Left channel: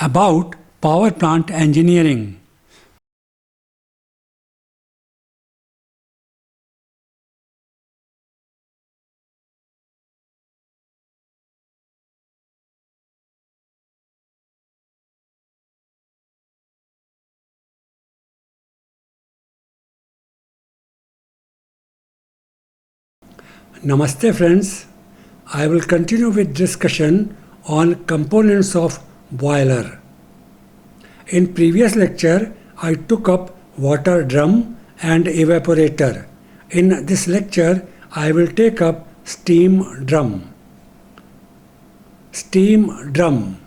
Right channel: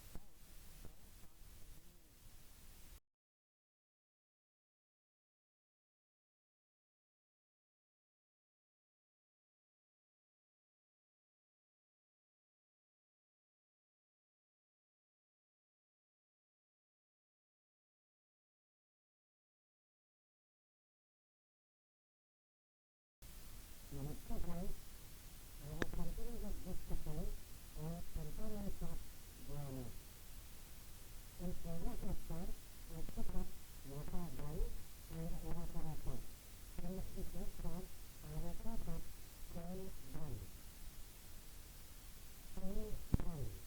About power plant engineering. Namaste friends. I will continue with discussion on components of boiler. In previous lecture, I took up water drum and evaporator. In this lecture, I will take up steam drum. Steam drum.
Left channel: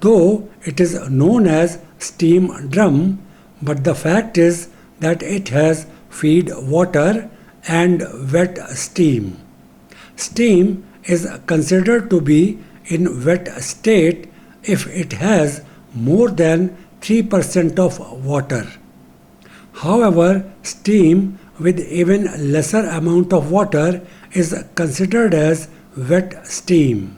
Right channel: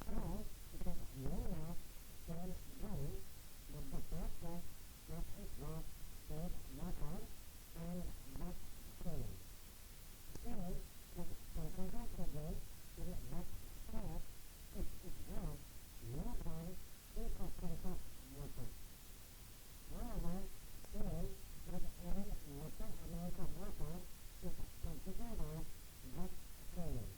Though it is known as steam drum, but the fact is that it has feed water and wet steam. Steam is considered to be in wet state if it has more than 3% of water. However, steam with even lesser amount of water is considered as wet steam.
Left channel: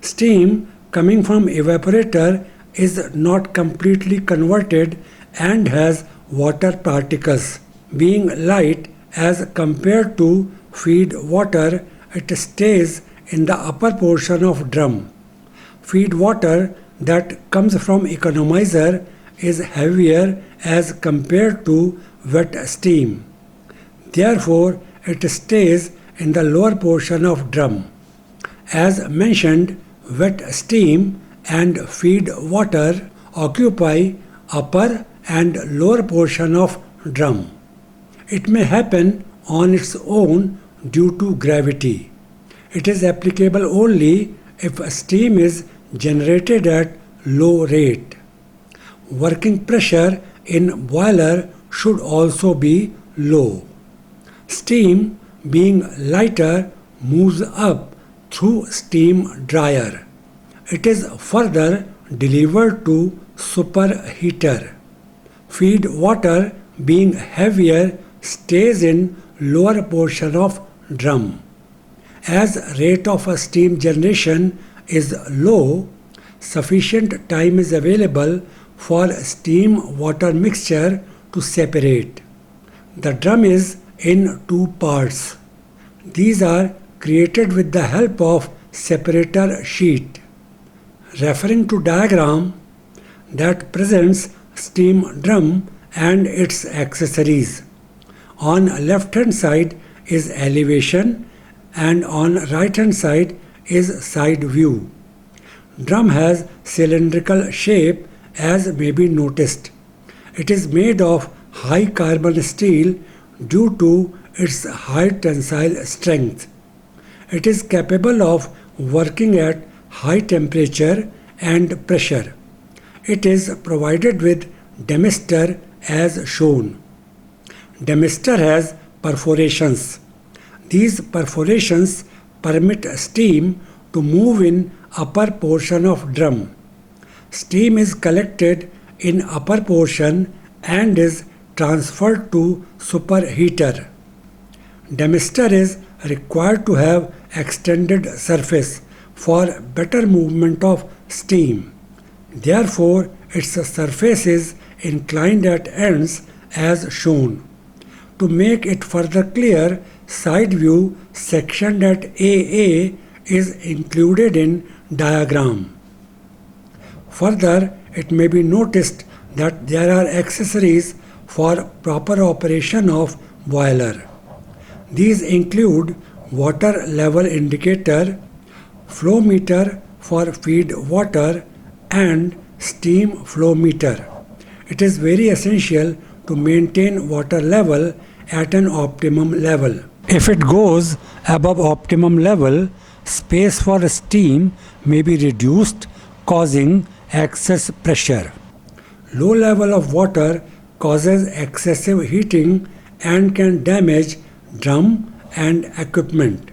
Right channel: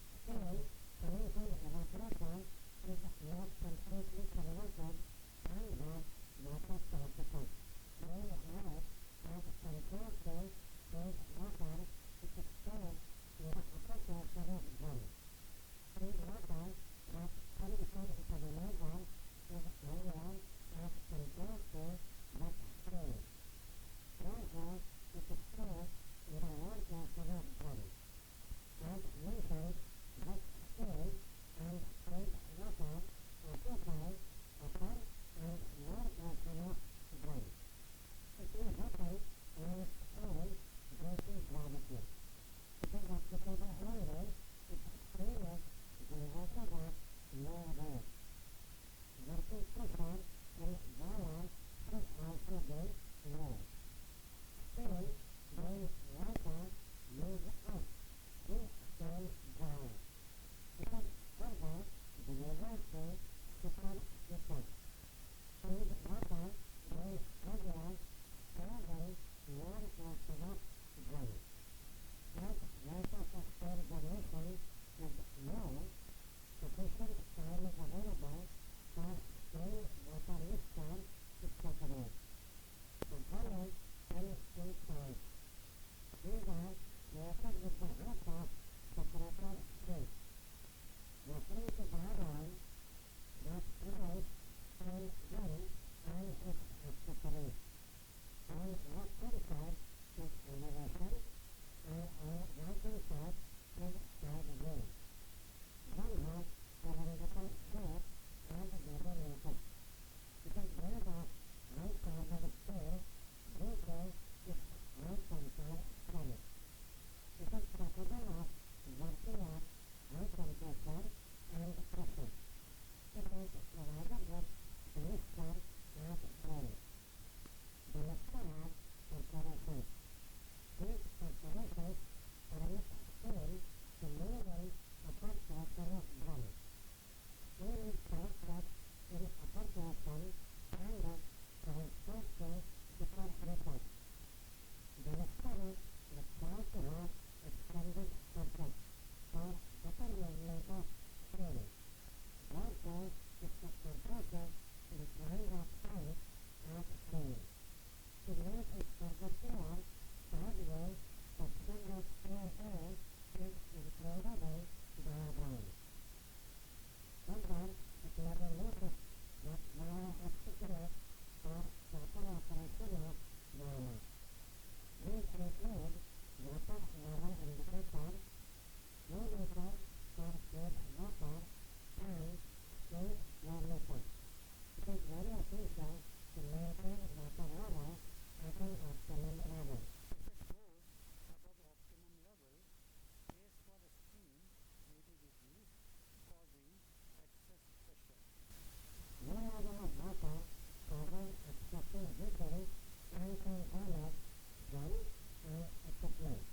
Steam coming from evaporator is not completely converted and has water particles. Being light as compared to feed water, it stays in the upper portion of drum. Feed water that comes from economizer is heavier as compared to wet steam. Therefore, it stays in the lower portion of drum. As mentioned, wet steam and feed water occupy upper and lower portion of drum. It may happen on its own due to gravity. It is applicable only if steam is generated at low rate. Working pressure in boiler should also be low. Steam, being lighter, moves up through steam dryer. It is further delivered to superheater. Feed water, being heavier, stays in lower portion of drum. As rate of steam generation is low, sufficient time is available for steam-water mixture to separate. The drum is in two parts. These are created with the help of separator sheet. Referring to diagram that presents steam drum and its accessories. On left hand side is elevation and on right hand side is side view. Drum has cylindrical shape as may be noticed. It is made of high carbon steel due to its high tensile strength. It is capable of working at high temperature and pressure. It is provided with demister as shown. Demister has perforations. These perforations permit steam to move in upper portion of drum. Steam is collected in upper portion and is transferred to superheater. Demister is required to have extended surface for better movement of steam. Therefore, its surface is inclined at ends as shown. To make it further clear, side view sectioned at AA is included in diagram. Further, it may be noticed that there are accessories for proper operation of boiler. These include water level indicator, flow meter for feed water, and steam flow meter. It is very essential to maintain water level at an optimum level. If it goes above optimum level, space for steam may be reduced, causing excess pressure. Low level of water causes excessive heating and can damage drum and equipment.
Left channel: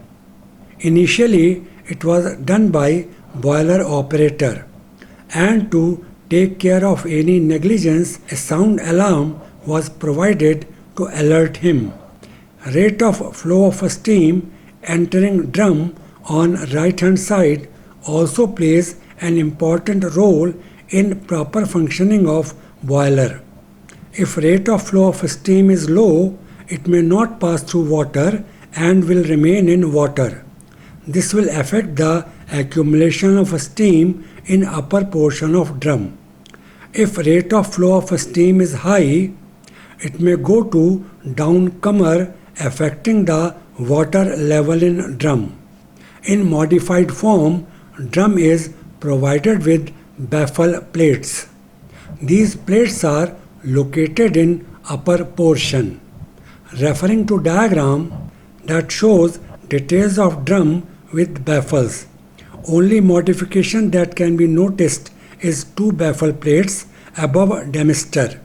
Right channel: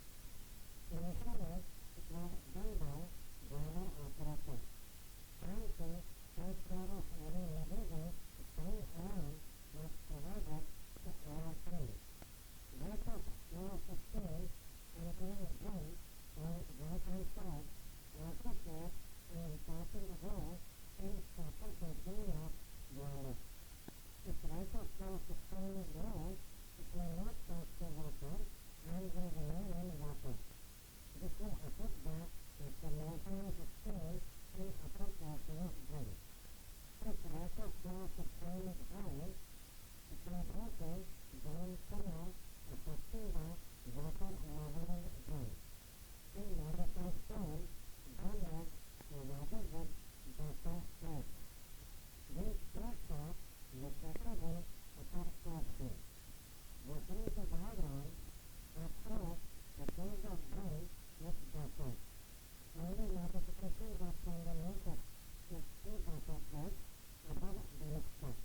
Initially, it was done by boiler operator, and to take care of any negligence, a sound alarm was provided to alert him. Rate of flow of steam entering drum on right hand side also plays an important role in proper functioning of boiler. If rate of flow of steam is low, it may not pass through water and will remain in water. This will affect the accumulation of steam in upper portion of drum. If rate of flow of steam is high, it may go to downcomer, affecting the water level in drum. In modified form, drum is provided with baffle plates. These plates are located in upper portion. Referring to diagram that shows details of drum with baffles. Only modification that can be noticed is two baffle plates above demister.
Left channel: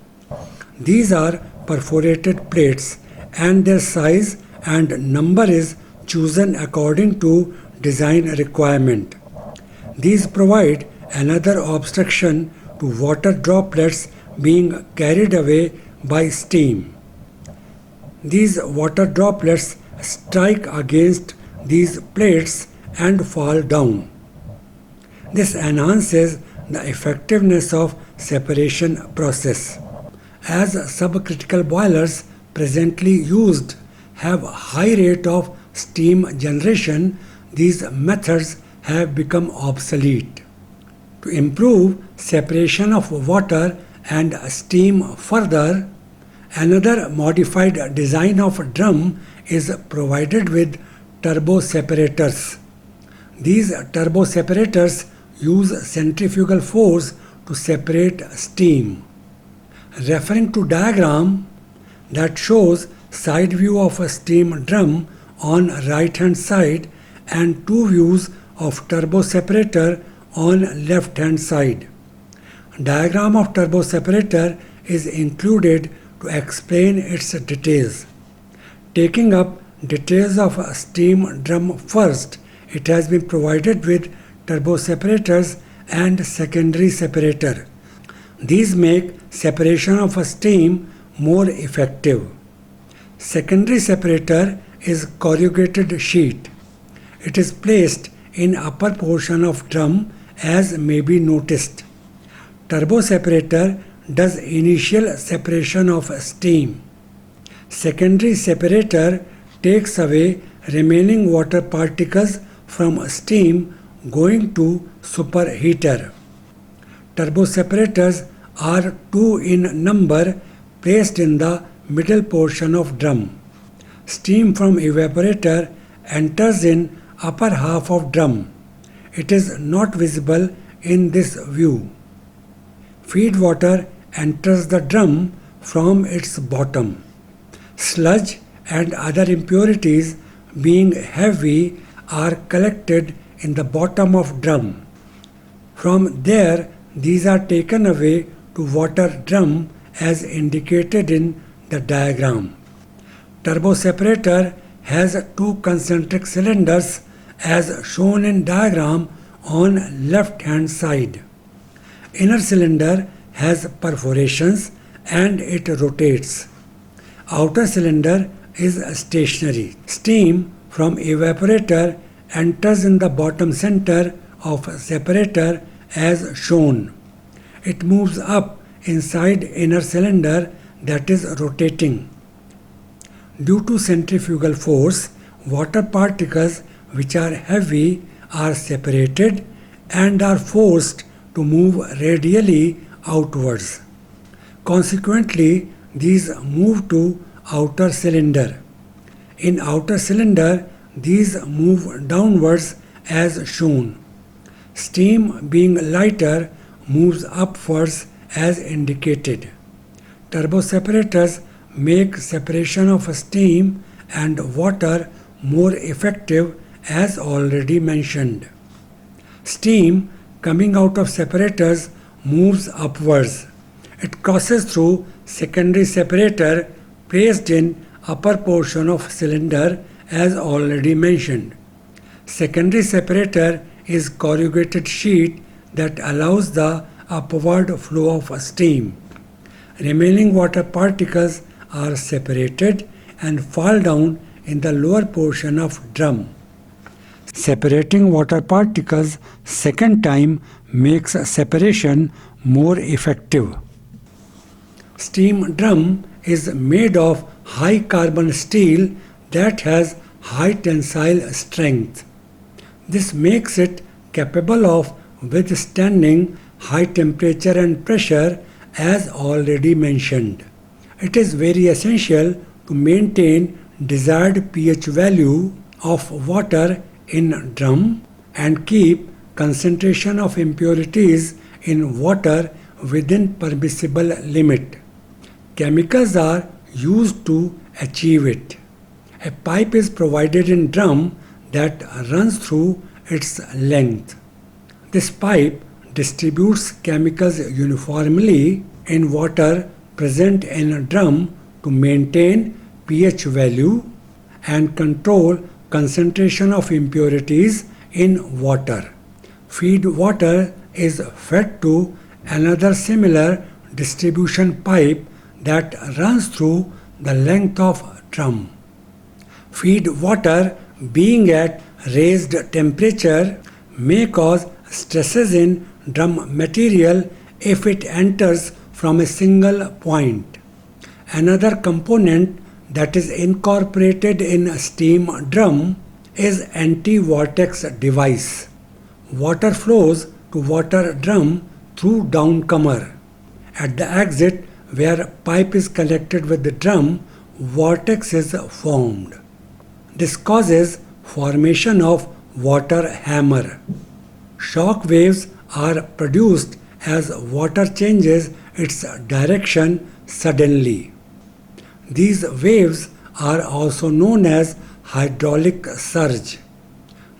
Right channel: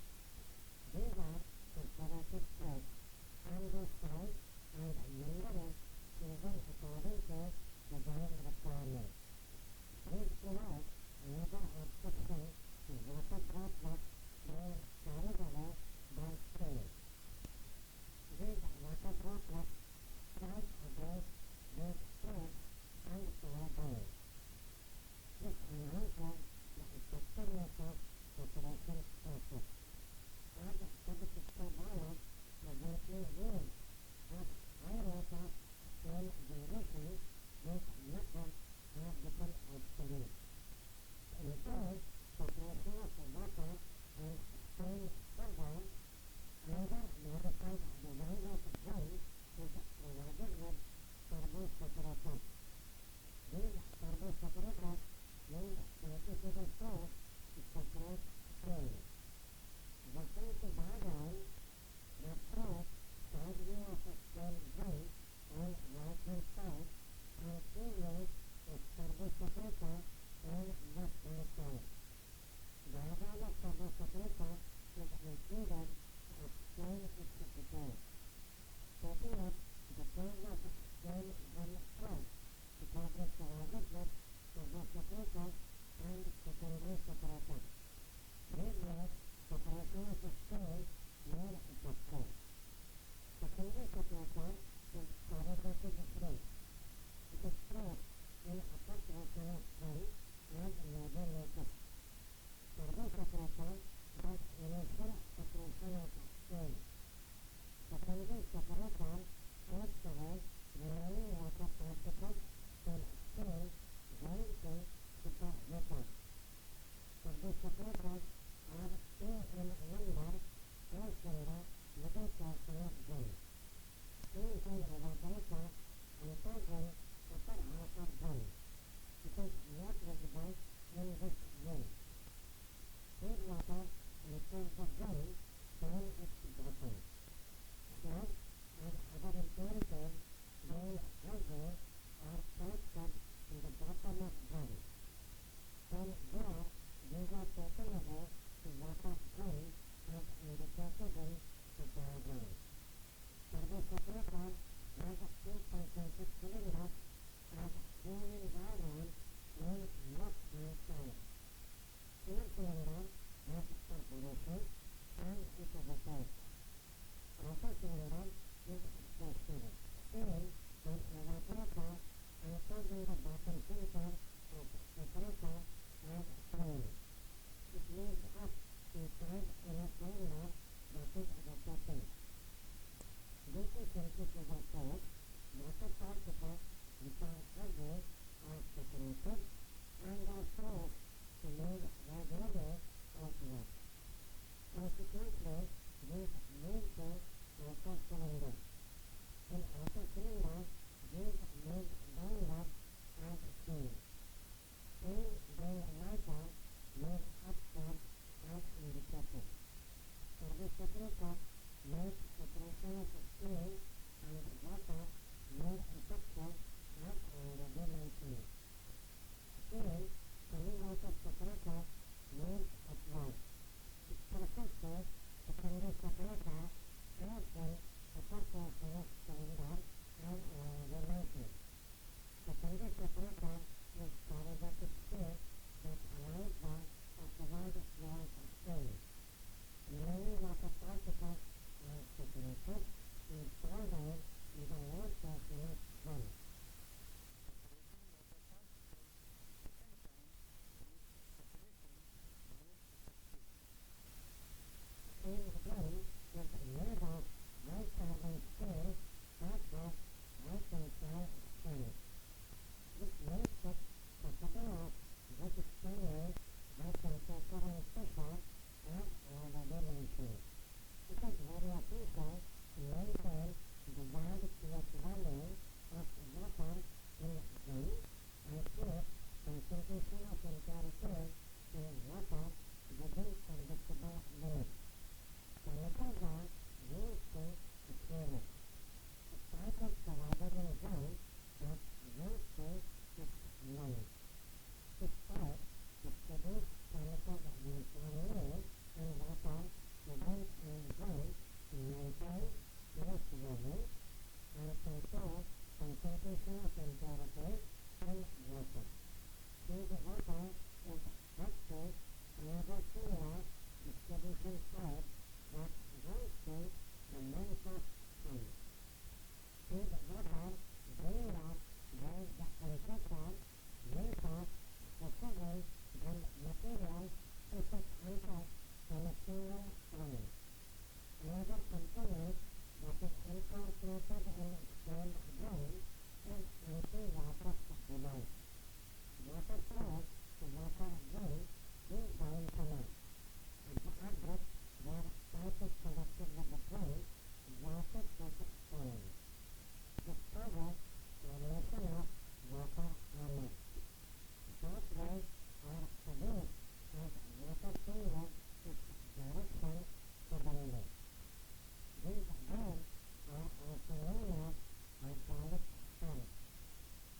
These are perforated plates and their size and number is chosen according to design requirement. These provide another obstruction to water droplets being carried away by steam. These water droplets strike against these plates and fall down. This enhances the effectiveness of separation process. As subcritical boilers presently used have high rate of steam generation, these methods have become obsolete. To improve separation of water and steam further, another modified design of drum is provided with turbo separators. These turbo separators use centrifugal force to separate steam. Referring to diagram that shows side view of a steam drum on right hand side and two views of turbo separator on left hand side. Diagram of turbo separator is included to explain its details. Taking up details of a steam drum first, it has been provided with turbo separators and secondary separator. These make separation of a steam more effective. Secondary separator is corrugated sheet. It is placed in upper portion of drum as may be noticed. Turbo separator does initial separation of steam. Secondary separator takes away remaining water particles from steam going to superheater. Turbo separators are two in number placed in the middle portion of drum. Steam from evaporator enters in upper half of drum. It is not visible in this view. Feed water enters the drum from its bottom. Sludge and other impurities, being heavy, are collected in the bottom of drum. From there, these are taken away to water drum as indicated in the diagram. Turbo separator has two concentric cylinders as shown in diagram on left hand side. Inner cylinder has perforations and it rotates. Outer cylinder is stationary. Steam from evaporator enters in the bottom center of separator as shown. It moves up inside inner cylinder that is rotating. Due to centrifugal force, water particles which are heavy are separated and are forced to move radially outwards. Consequently, these move to outer cylinder. In outer cylinder, these move downwards as shown. Steam being lighter moves upwards as indicated. Turbo separators make separation of steam and water more effective as already mentioned. Steam coming out of separators moves upwards. It crosses through secondary separator placed in upper portion of cylinder as already mentioned. Secondary separator is corrugated sheet that allows the upward flow of steam. Remaining water particles are separated and fall down in the lower portion of drum. Separating water particles second time makes separation more effective. Steam drum is made of high carbon steel that has high tensile strength. This makes it capable of withstanding high temperature and pressure as already mentioned. It is very essential to maintain desired pH value of water in drum and keep concentration of impurities in water within permissible limit. Chemicals are used to achieve it. A pipe is provided in drum that runs through its length. This pipe distributes chemicals uniformly in water present in a drum to maintain pH value and control concentration of impurities in water. Feed water is fed to another similar distribution pipe that runs through the length of drum. Feed water being at raised temperature may cause stresses in drum material if it enters from a single point. Another component that is incorporated in a steam drum is anti-vortex device. Water flows to water drum through downcomer. At the exit where pipe is connected with the drum, vortex is formed. This causes formation of water hammer. Shock waves are produced as water changes its direction suddenly. These waves are also known as hydraulic surge.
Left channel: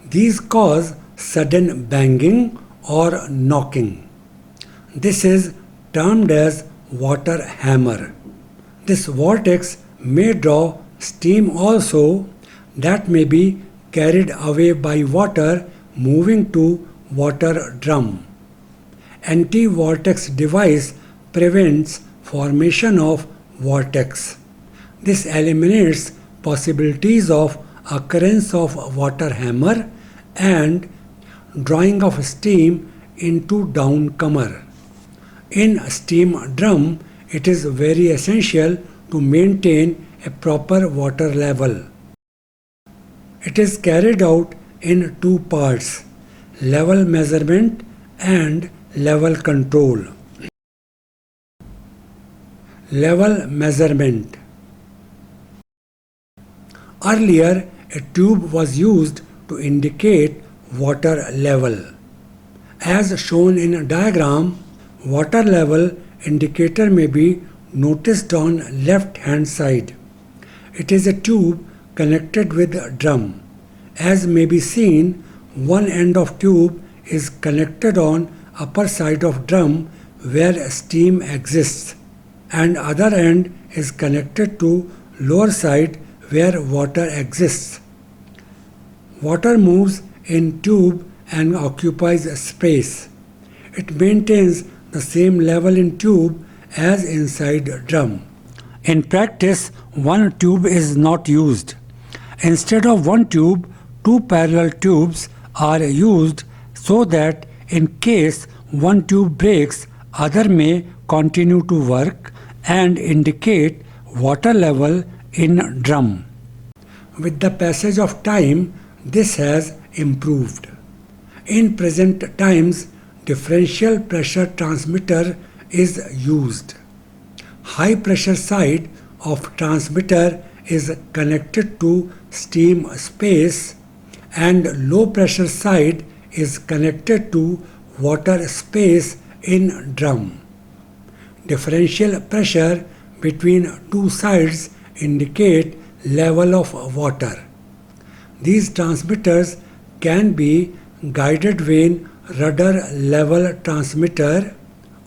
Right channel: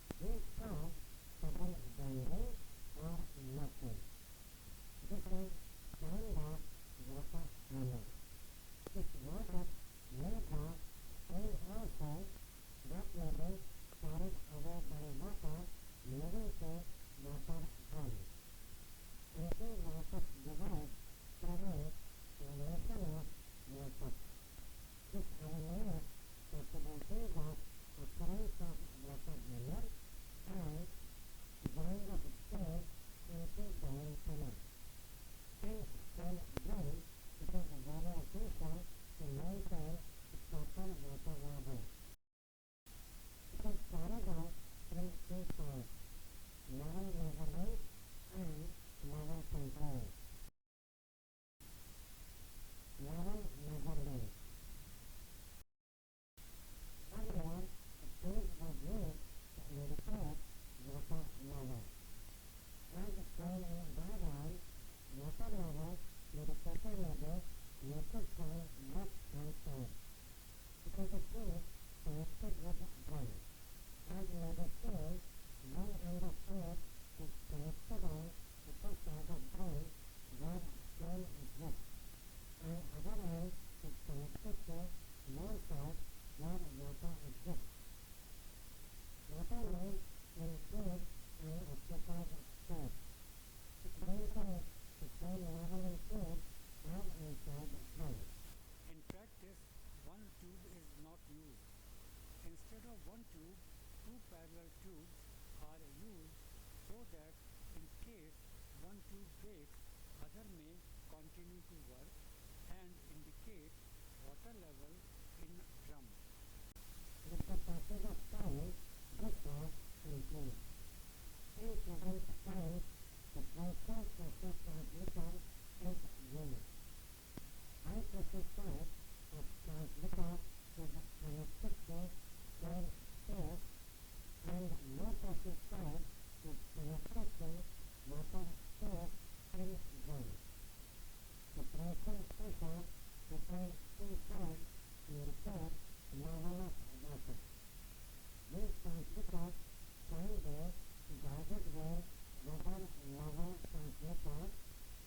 These cause sudden banging or knocking. This is termed as water hammer. This vortex may draw steam also that may be carried away by water moving to water drum. Anti-vortex device prevents formation of vortex. This eliminates possibilities of occurrence of water hammer and drawing of steam into downcomer. In steam drum, it is very essential to maintain a proper water level. It is carried out in two parts: level measurement and level control. Level measurement. Earlier, a tube was used to indicate water level. As shown in a diagram, water level indicator may be noticed on left hand side. It is a tube connected with a drum. As may be seen, one end of tube is connected on upper side of drum where steam exists, and other end is connected to lower side where water exists. Water moves in tube and occupies space. It maintains the same level in tube as inside drum. In practice, one tube is not used. Instead of one tube, two parallel tubes are used so that in case one tube breaks, other may continue to work and indicate water level in drum. With the passage of time, this has improved. In present times, differential pressure transmitter is used. High pressure side of transmitter is connected to steam space and low pressure side is connected to water space in drum. Differential pressure between two sides indicate level of water. These transmitters can be guided vane rudder level transmitter,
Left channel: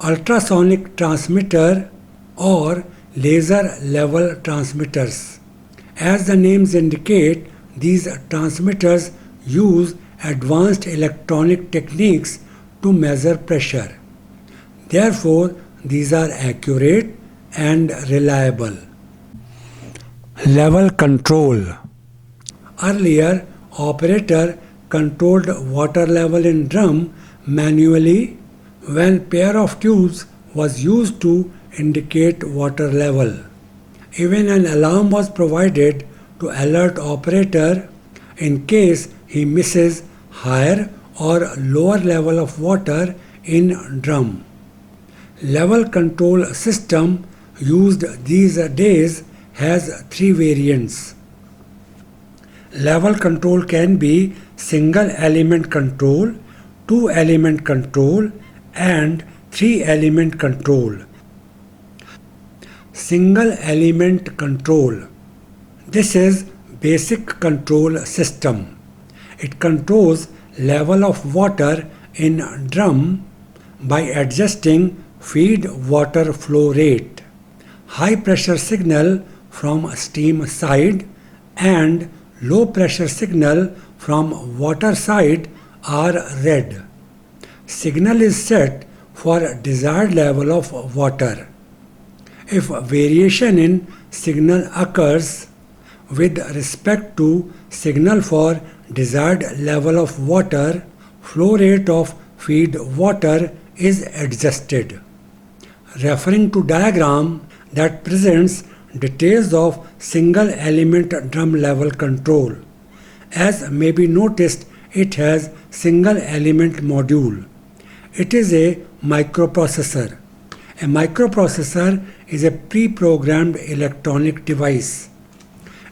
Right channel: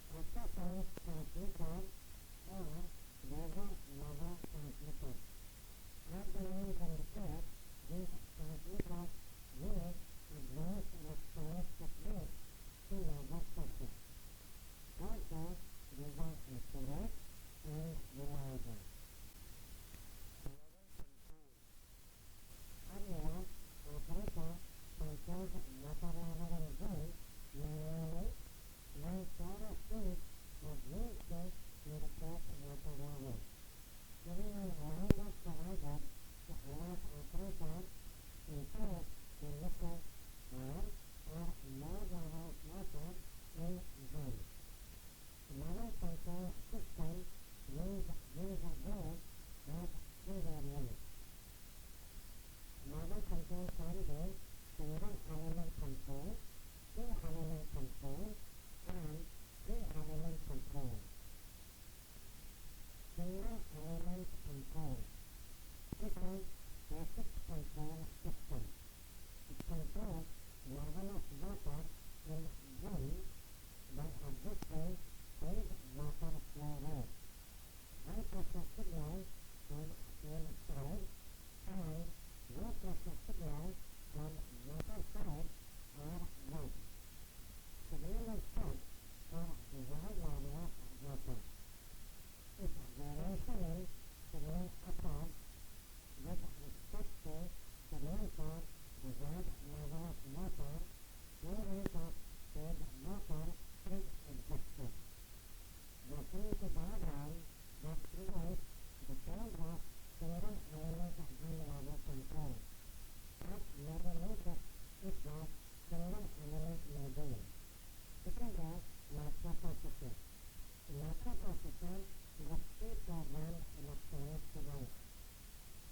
ultrasonic transmitter, or laser level transmitters. As the names indicate, these transmitters use advanced electronic techniques to measure pressure. Therefore, these are accurate and reliable. Level control. Earlier, operator controlled water level in drum manually when pair of tubes was used to indicate water level. Even an alarm was provided to alert operator in case he misses higher or lower level of water in drum. Level control system used these days has three variants. Level control can be single element control, two element control, and three element control. Single element control. This is basic control system. It controls level of water in drum by adjusting feed water flow rate. High pressure signal from steam side and low pressure signal from water side are red. Signal is set for desired level of water. If variation in signal occurs with respect to signal for desired level of water, flow rate of feed water is adjusted. Referring to diagram that presents details of single element drum level control. As may be noticed, it has single element module. It is a microprocessor. A microprocessor is a pre-programmed electronic device.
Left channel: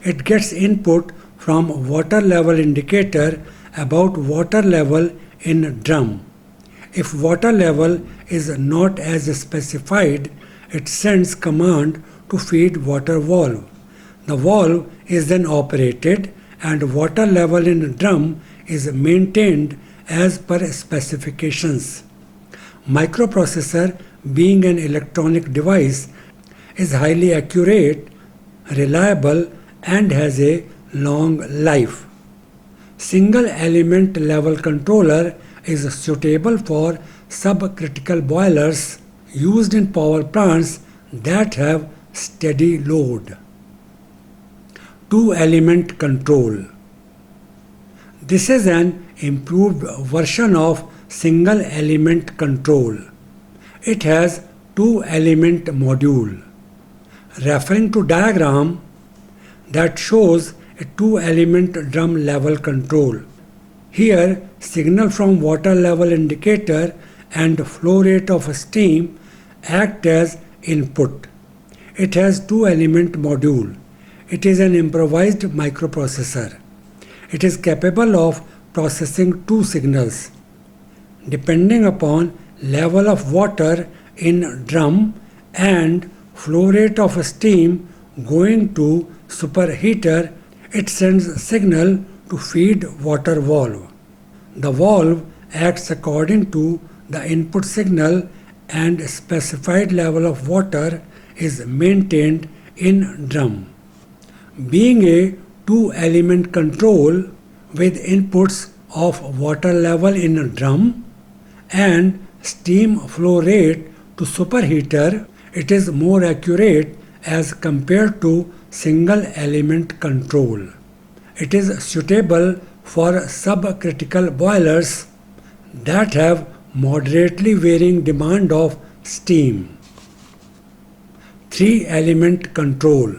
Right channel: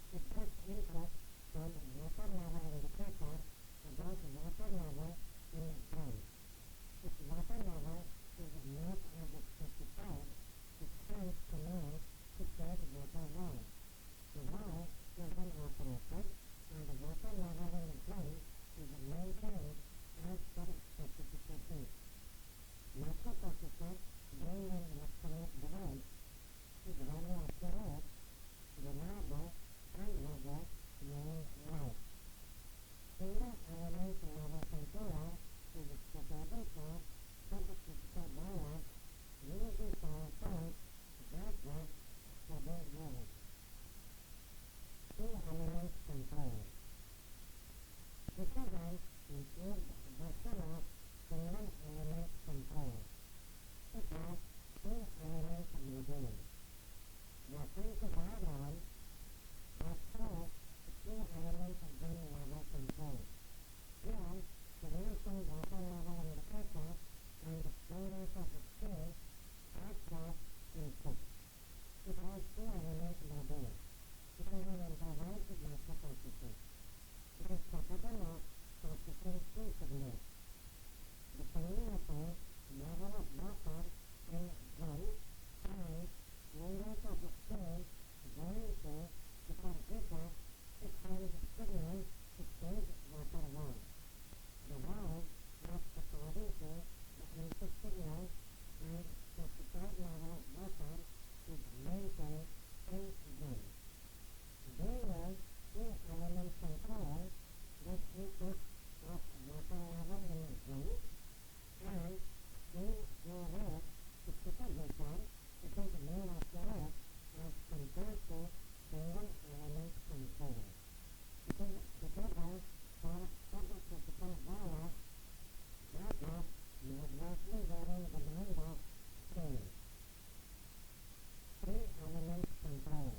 It gets input from water level indicator about water level in drum. If water level is not as specified, it sends command to feed water valve. The valve is then operated and water level in drum is maintained as per specifications. Microprocessor, being an electronic device, is highly accurate, reliable, and has a long life. Single element level controller is suitable for subcritical boilers used in power plants that have steady load. Two element control. This is an improved version of single element control. It has two element module. Referring to diagram that shows a two element drum level control. Here signal from water level indicator and flow rate of steam act as input. It has two element module. It is an improvised microprocessor. It is capable of processing two signals. Depending upon level of water in drum and flow rate of steam going to superheater, it sends signal to feed water valve. The valve acts according to the input signal and specified level of water is maintained in drum. Being a two element control with inputs of water level in drum and steam flow rate to superheater, it is more accurate as compared to single element control. It is suitable for subcritical boilers that have moderately varying demand of steam. Three element control.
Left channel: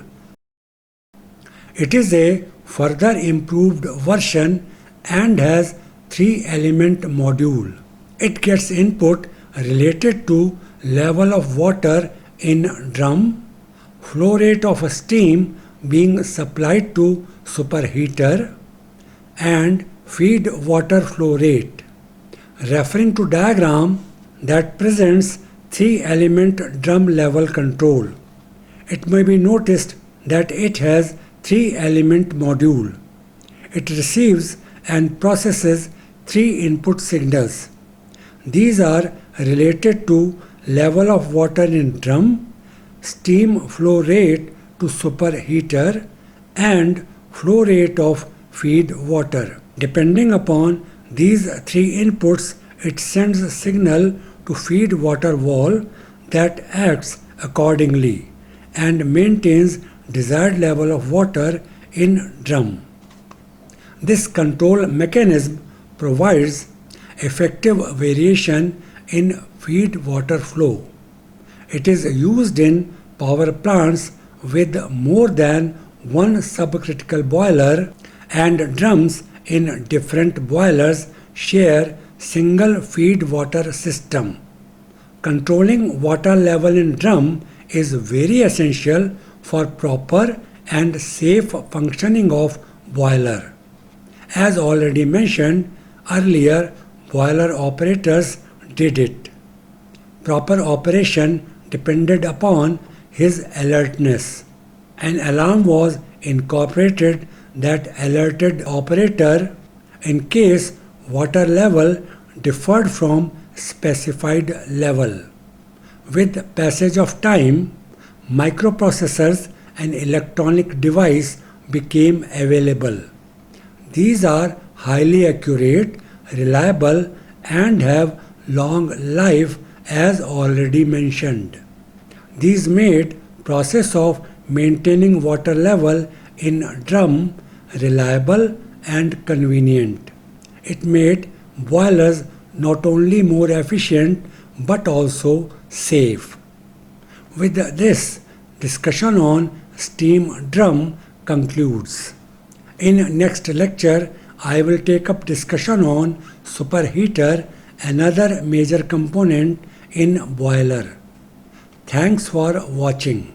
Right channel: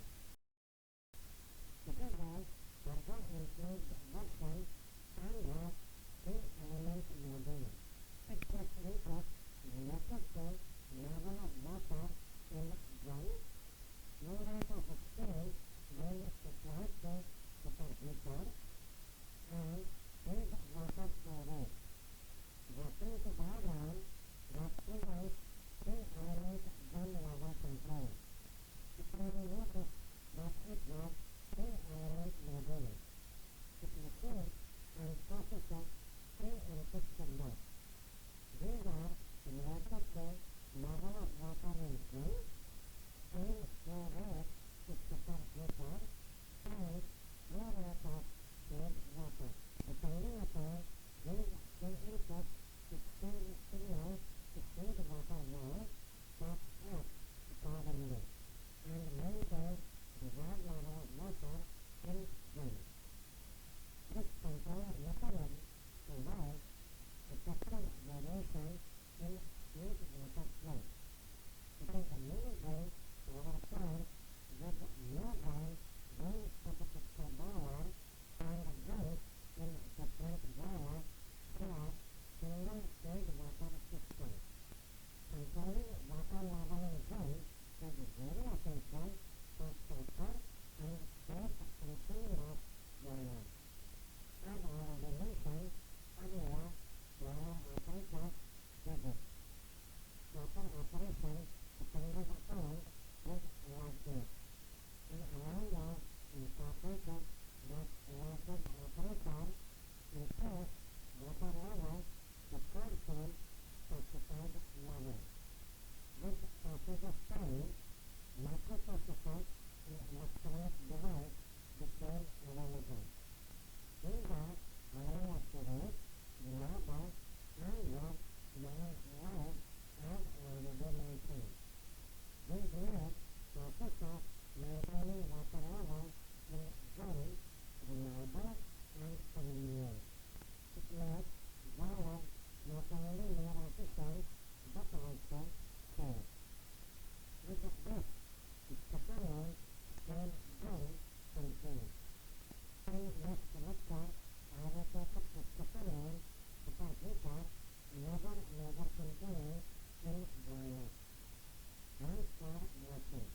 It is a further improved version and has three element module. It gets input related to level of water in drum, flow rate of steam being supplied to superheater, and feed water flow rate. Referring to diagram that presents three element drum level control. It may be noticed that it has three element module. It receives and processes three input signals. These are related to level of water in drum, steam flow rate to superheater, and flow rate of feed water. Depending upon these three inputs, it sends a signal to feed water valve that acts accordingly and maintains desired level of water in drum. This control mechanism provides effective variation in feed water flow. It is used in power plants with more than one subcritical boiler, and drums in different boilers share single feed water system. Controlling water level in drum is very essential for proper and safe functioning of boiler. As already mentioned earlier, boiler operators did it. Proper operation depended upon his alertness. An alarm was incorporated that alerted operator in case water level differed from specified level. With passage of time, microprocessors and electronic devices became available. These are highly accurate, reliable, and have long life as already mentioned. These made process of maintaining water level in drum reliable and convenient. It made boilers not only more efficient but also safe. With this, discussion on steam drum concludes. In next lecture, I will take up discussion on superheater, another major component in boiler. Thanks for watching.